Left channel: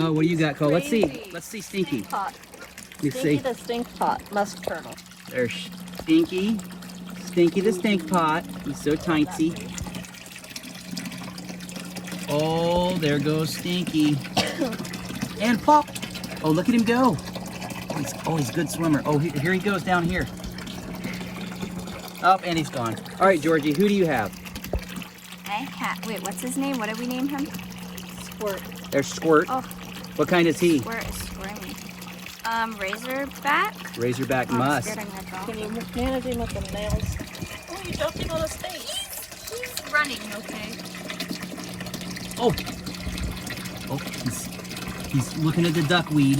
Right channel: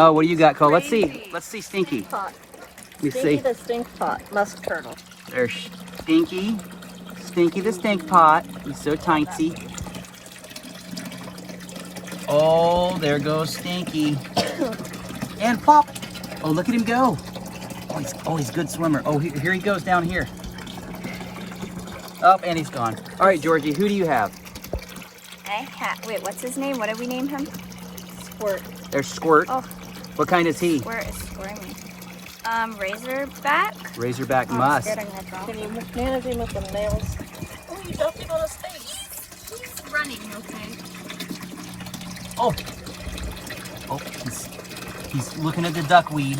Oh, what do you got, Cole? Let's see. Let's see Stinky. Pot. Let me Stinky see. the stink pot. Musk turtle. There's Stinky. Stinky the stink pot. He's so tiny. Oh, there goes Stinky. And pop. Oh, look at him go. Oh, he's a good swimmer. Oh, here he goes down here. Up, and he's gone. All right, Georgie, who do you have? Wait, what's his name? What did we name him? Squirt. There's Squirt. Oh, What kind is he? Squirt is squirmy. Razorback? Razorback Oh, I'm musk. scared I'm gonna drop Can him. you manage him with the nails? Oh, you don't him on the stake. He's running, okay. Oh. Oh, he's looking at the duckweed.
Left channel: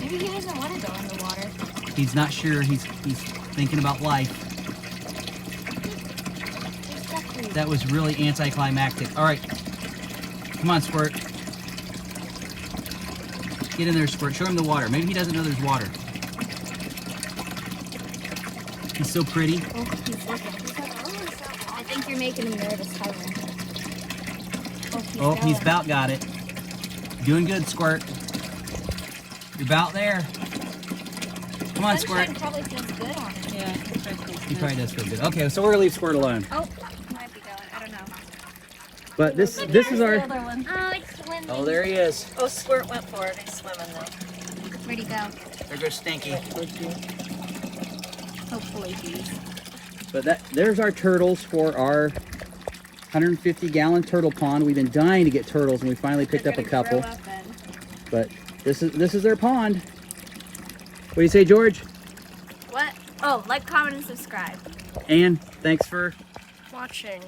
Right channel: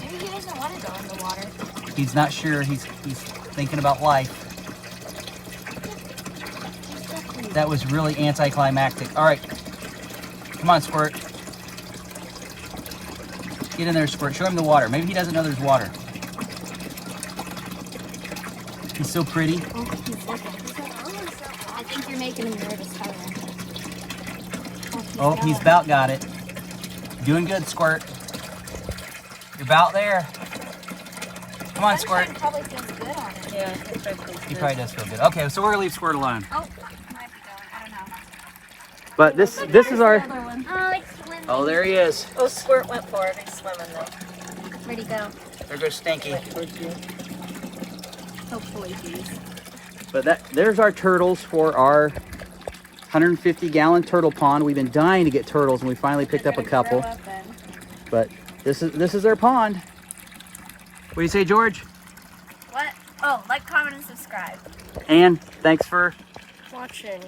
Maybe he doesn't want to go in the water. He's not sure. He's thinking about life. That was really anticlimactic. All right. Come on, Squirt. Get in there, Squirt. Show him the water. Maybe he doesn't know there's water. He's so pretty. Oh, he's looking. I think you're making him nervous, Tyler. Oh, he's about got it. Doing good, Squirt. You're about there. Come on, Squirt. Sunshine probably feels good on him. Yeah, he probably He probably does feel good. Okay, so we're gonna leave Squirt alone. Oh, he might be going. I don't know. But this is our. The other one. Oh, it's swimming. Oh, there he is. Oh, Squirt went for it. He's swimming though. Where'd he go? There goes Stinky. Right towards you. Hopefully he's... But there's our turtles for our 150-gallon turtle pond. We've been dying to get turtles, and we finally picked up a couple. But this is their pond. What do you say, George? What? Oh, like, comment, and subscribe. And thanks for Watching.